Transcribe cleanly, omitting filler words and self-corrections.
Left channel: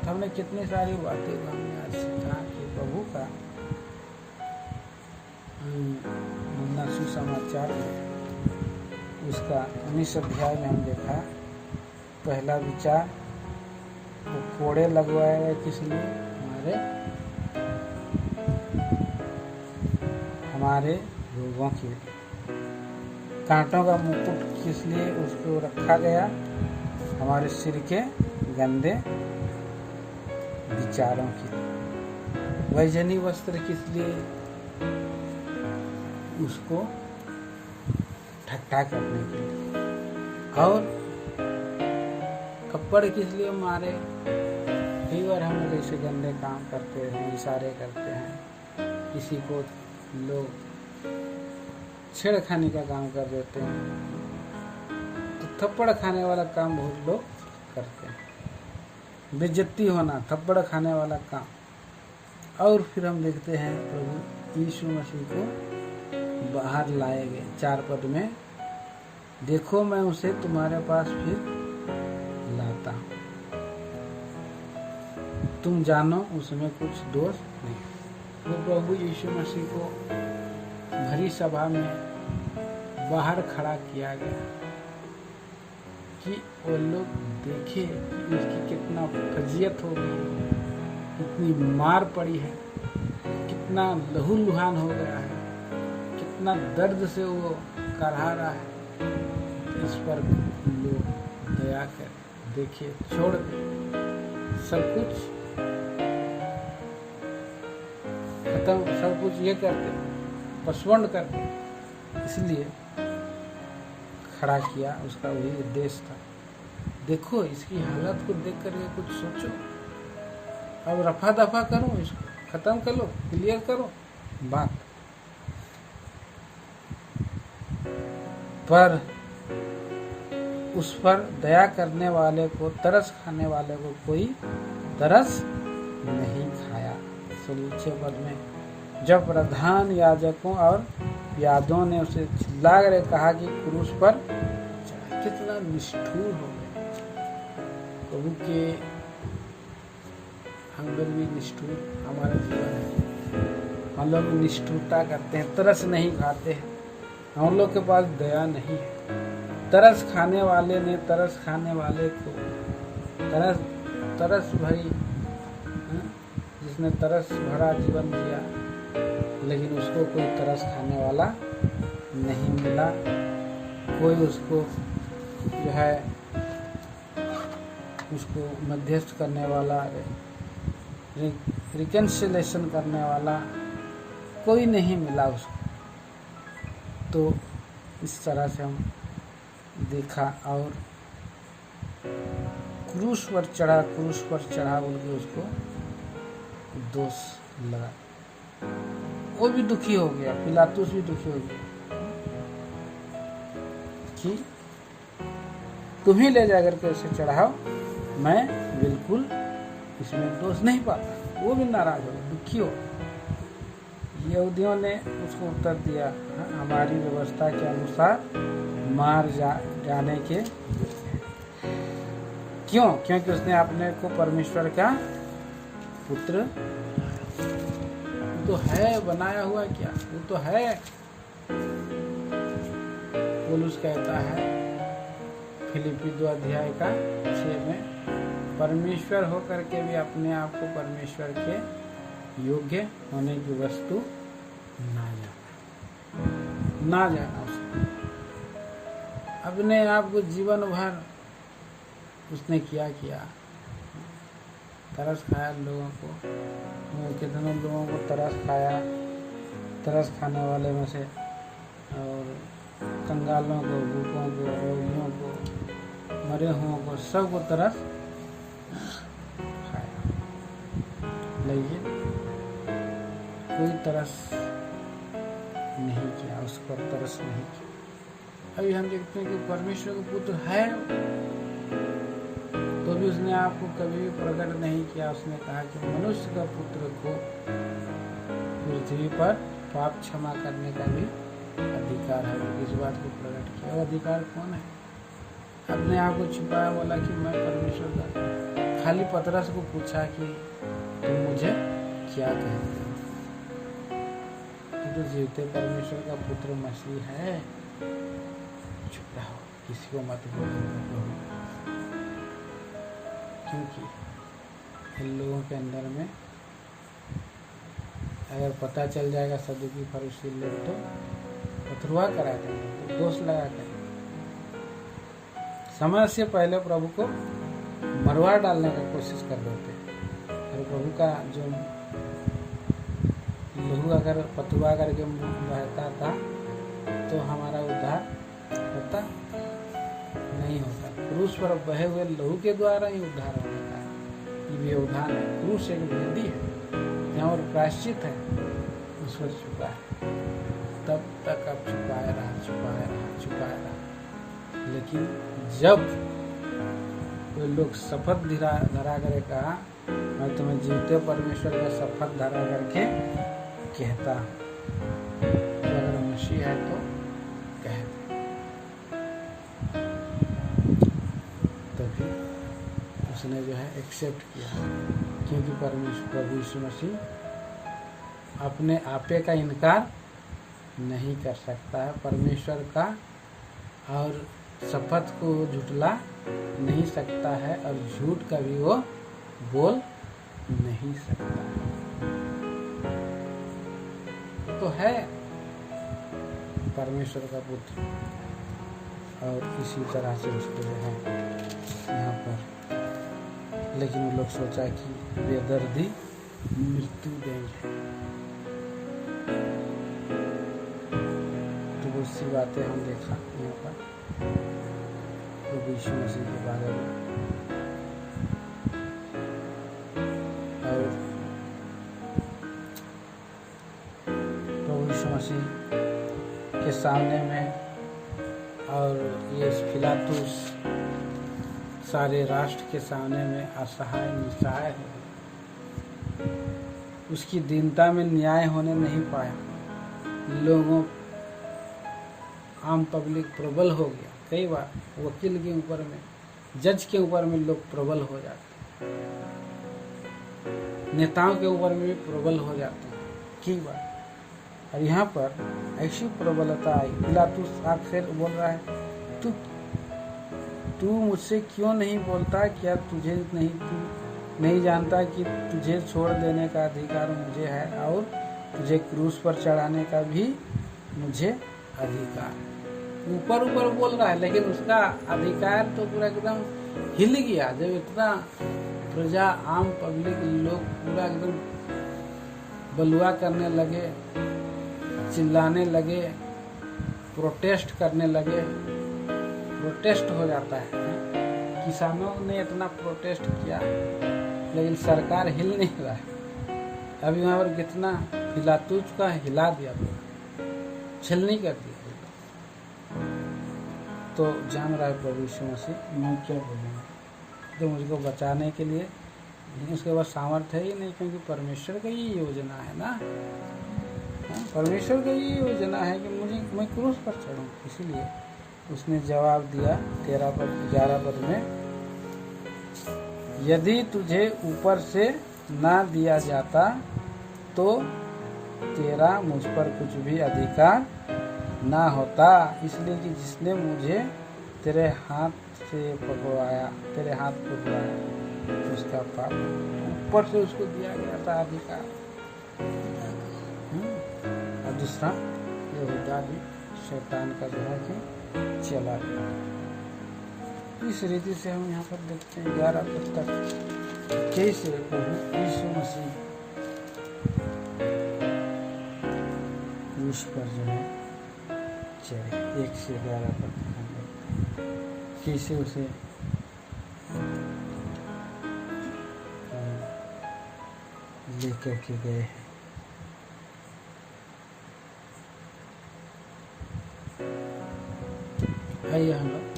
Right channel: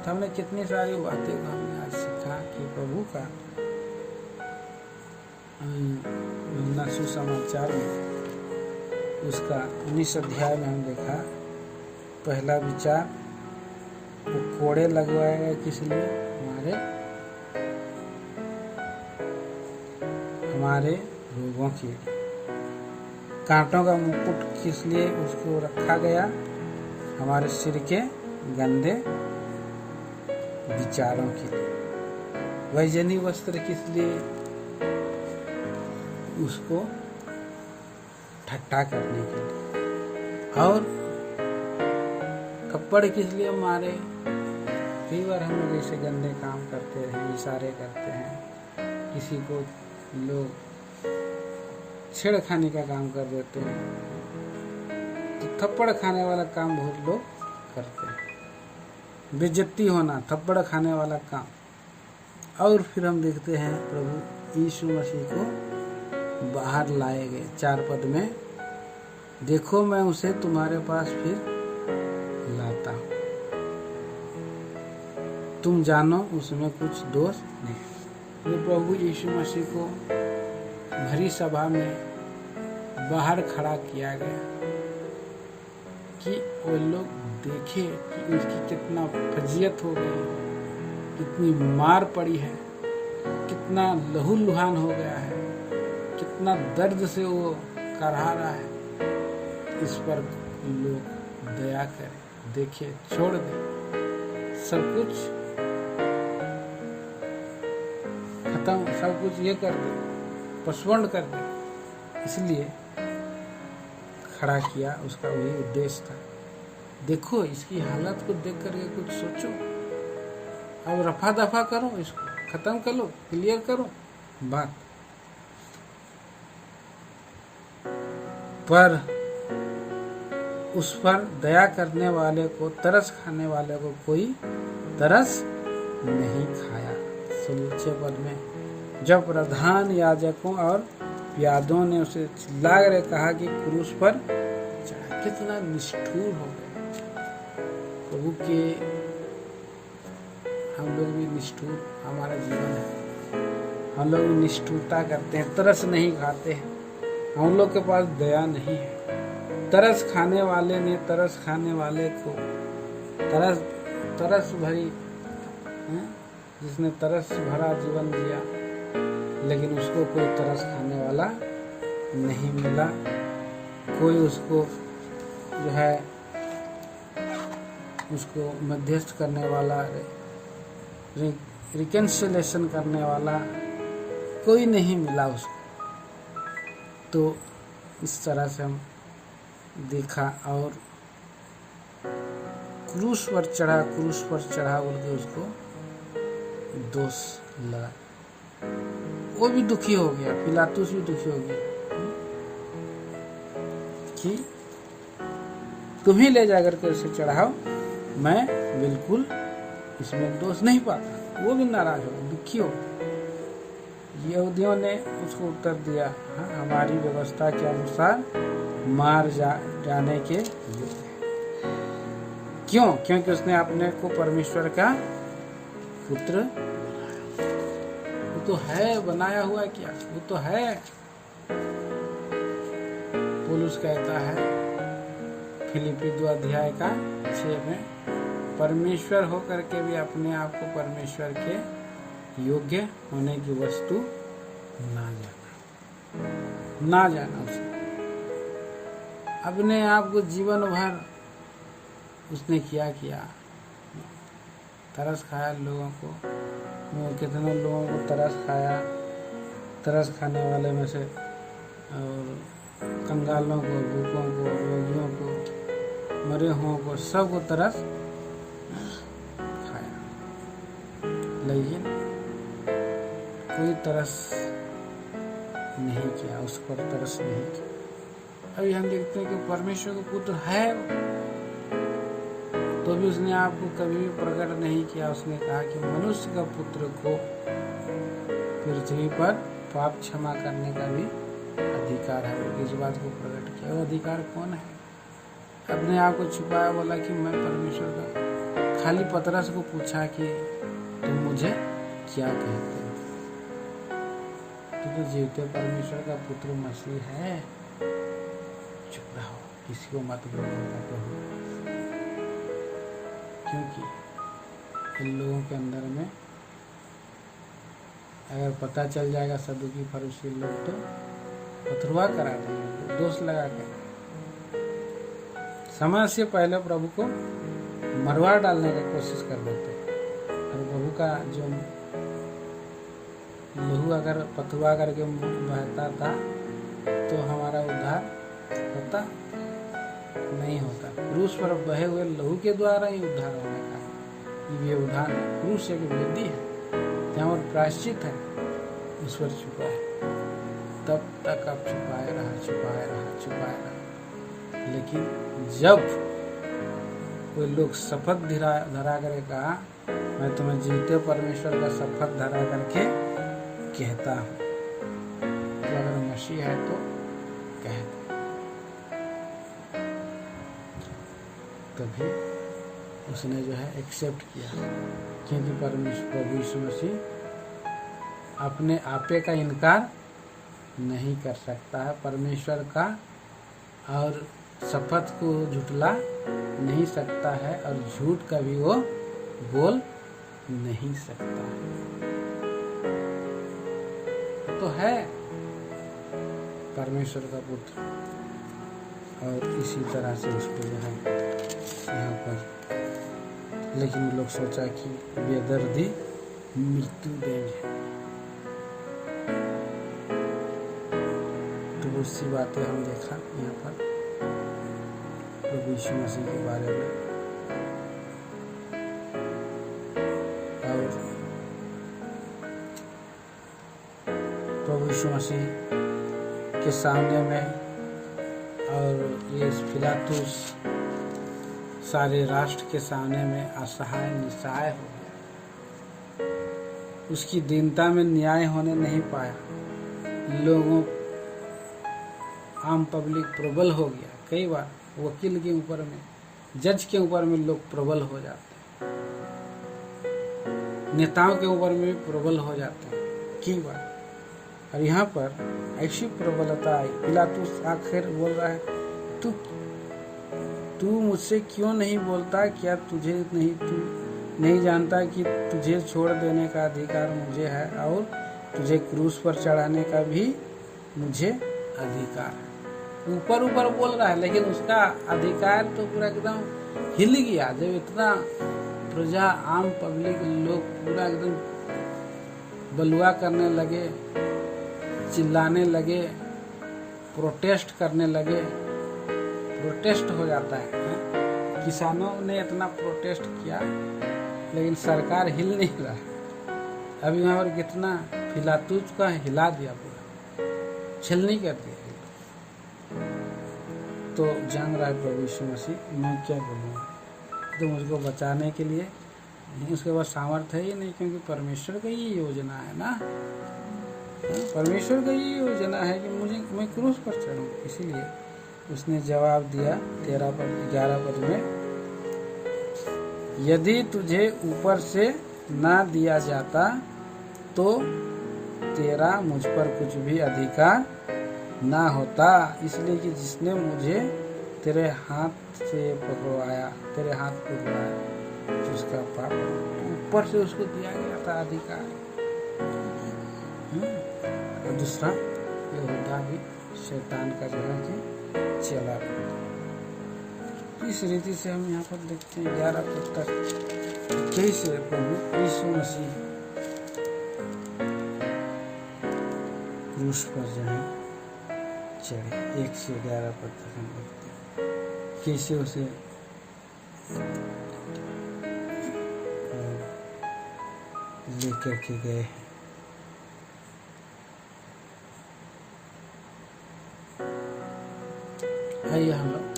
तो हमने कितनी सारी बातें को हमने आज सीखा कि प्रभु का सुसमाचार में उसका 19 अध्याय में हम देखा। पहला विचार, वो कोड़े लगवाए गए किस लिए? हमारे रोगों के लिए। कांटों का मुकुट किस लिए उसको रखा गया? हमारे सिर के गंदे विचारों के लिए। वैजनी वस्त्र किस लिए? उसको ठट्ठा करने के लिए। और थप्पड़ किस लिए मारे? कई बार हम लोग ऐसे गंदे काम करते हैं, इशारे करते हैं, किसी को लोग छेड़खानी का काम कर देते हैं, तो थप्पड़ खाने वाला काम बहुत लोग करते हैं। बेइज्जती होना, थप्पड़ खाने वाला काम। और फिर हम देखते हैं प्रभु यीशु मसीह को बाहर लाए गए 4 पद में, देखो मैं उसे तुम्हारे पास फिर लाता, तुम जानो उसमें कुछ दोष नहीं। तो प्रभु यीशु मसीह को भरी सभा में बाहर खड़ा किया गया कि वो लोग देखे कि उसकी कितना फजीयत हो गई है, कितनी मार पड़ी है, कितना लहूलुहान हो गया है, कितना दर्द से वो करहा रहा है। इस पर लोग दया करें, देखे, छोड़ दे, सब कुछ खत्म, सब कुछ ये कर दे, पसवंड कर दे। इसलिए खड़ा किया, उसका वही उद्देश्य था। देखो इसकी हालत को देख करके कुछ सोचो, अब रफा दफा करो, इसको खत्म करो, क्लियर करो बात। पर उस पर दया करने वाले को, तरस खाने वाले को कोई तरस नहीं खाया। 6 पद में जब प्रधान याजकों और यादों ने उसे चिल्ला कर कहा कि क्रूस पर चढ़ा, कितना निष्ठुर हो गए प्रभु के। हम लोग भी निष्ठुर, हमारा जीवन है, हम लोग भी निष्ठुरता करते हैं, तरस नहीं खाते हैं, हम लोग के पास दया नहीं है। तरस खाने वाले ने तरस खाने वाले को तरस भरी, जिसने तरस भरा जीवन जिया, लेकिन उसको कोई तरस खाने वाला नहीं मिला। कोई उसको जो है उसको मध्यस्थ करने वाला, रिकन्सिलेशन करने वाला कोई नहीं मिला उसको। तो इस तरह से हम देखा। और क्रूस पर चढ़ा बोल के उसको दोष लगा। वो भी दुखी हो गया, पिलातुस भी दुखी हो गया कि तुम ही ले जाकर के उसे चढ़ाओ, मैं बिल्कुल इसमें दोष नहीं पाता। वो भी नाराज हो, दुखी हो। यहूदियों ने उसको उत्तर दिया, हाँ, हमारी व्यवस्था के अनुसार मार जाने के योग्य है। क्यों? क्योंकि उसने अपने को परमेश्वर का पुत्र, वो तो है, बनाया हुआ क्या, वो तो है। पौलुस कहता है फिलिप्पी 2 अध्याय का 6 में, परमेश्वर होकर के भी अपने आप को परमेश्वर के योग्य होने की वस्तु ना जाना उसने। अपने आप को जीवन भर उसने क्या किया, तरस खाया लोगों को। कितने लोगों को तरस खाया, तरस खाने वाले में से, और कंगालों को, भूखों को, रोगियों को, मरे हुओं को, सबको तरस खाया, लेकिन कोई तरस नहीं किया, उस पर तरस नहीं किया। अभी हम देखते हैं कि परमेश्वर का पुत्र है, तो भी उसने आपको कभी भी प्रकट नहीं किया। उसने कहा कि मनुष्य का पुत्र को पृथ्वी पर पाप क्षमा करने का भी अधिकार है। इस बात को प्रकट किया। वो अधिकार कौन है? अपने आप को छुपाया, बोला कि मैं परमेश्वर का खाली पतरस को पूछा कि तुम मुझे क्या कहते हो? तो जीवते परमेश्वर का पुत्र मसीह है। चुप रहो, किसी को मत बोलो प्रभु, क्योंकि इन लोगों के अंदर में अगर पता चल जाएगा सदुकी फरीसी लोग तो पथरुआ करा देंगे, दोष लगा कर। समय से पहले प्रभु को मरवा डालने का कोशिश कर देते, और प्रभु का जो लहू अगर पथरुआ करके बहता था तो हमारा उद्धार होता नहीं होता। क्रूस पर बहे हुए लहू के द्वारा ही उद्धार होने का ये व्यवधान है। क्रूस एक वेदी है जहाँ पर प्रायश्चित है, उस पर छुपा है। तब तक अब छुपाए रहा। लेकिन जब कोई लोग शपथ धरा करे कहा, मैं तुम्हें जीवते परमेश्वर का शपथ धरा करके कहता हूँ कि अगर मसीह है तो कह, तभी उसने जो है एक्सेप्ट किया, क्योंकि परमेश्वर प्रभु यीशु मसीह अपने आपे का इनकार नहीं कर सकता है, परमेश्वर का और शपथ को झुठला नहीं सकता है, और झूठ कभी वो बोल नहीं सकता है। तो है परमेश्वर का पुत्र, और इसी तरह से उसको जो है यहाँ पर, लेकिन वो लोग सोचा कि बेदर्दी मृत्यु देंगे। तो बहुत सी बातें हम देखा यहाँ पर प्रभु यीशु मसीह के बारे में, और प्रभु यीशु मसीह के सामने में, और ये पिलातुस सारे राष्ट्र के सामने में असहाय निस्सहाय हो गया। उसकी दीनता में न्याय होने नहीं पाया। लोगों आम पब्लिक प्रबल हो गया। कई बार वकील के ऊपर में, जज के ऊपर में लोग प्रबल हो जाते हैं, नेताओं के ऊपर में भी प्रबल हो जाते हैं कई बार। और यहाँ पर ऐसी प्रबलता आई। पिलातुस आखिर बोल रहा है, तू मुझसे क्यों नहीं बोलता? क्या तू नहीं जानता कि तुझे छोड़ देने का अधिकार मुझे है, और तुझे क्रूस पर चढ़ाने का भी मुझे अधिकार है। ऊपर बोल रहा है, लेकिन उसका अधिकार तो पूरा एकदम हिल गया जब इतना प्रजा, आम पब्लिक लोग पूरा एकदम बलुआ करने लगे, चिल्लाने लगे, प्रोटेस्ट करने लगे। प्रोटेस्ट हो जाता है। किसानों ने इतना प्रोटेस्ट किया, लेकिन सरकार हिल नहीं रहा। अभी यहाँ पर कितना पिलातुस का हिला दिया, छलनी कर दिया। तो जान रहा है प्रभु यीशु मसीह, मैं क्या बोलूँगा, तो मुझको बचाने के लिए उसके पास सामर्थ्य है ही नहीं, क्योंकि परमेश्वर का ही योजना है ना। परमेश्वर का ही योजना है कि मैं क्रूस पर चढ़ूँ। इसीलिए उसने जवाब दिया 11 पद में, यदि तुझे ऊपर से ना दिया जाता तो तेरा मुझ पर कुछ भी अधिकार ना होता। इसलिए कि जिसने मुझे तेरे हाथ पकड़वाया उसका पाप ऊपर से उसको दिया गया था अधिकार। और दूसरा, यहूदा भी शैतान का जो है कि चला रहा। इस रीति से हम यहाँ पर देखते हैं 11 पद तक कैसे प्रभु यीशु मसीह क्रूस पर जो है चढ़े। 1 से 11 पद तक हम देखते हैं कैसे उसे लेकर के गए हैं। आइए हम लोग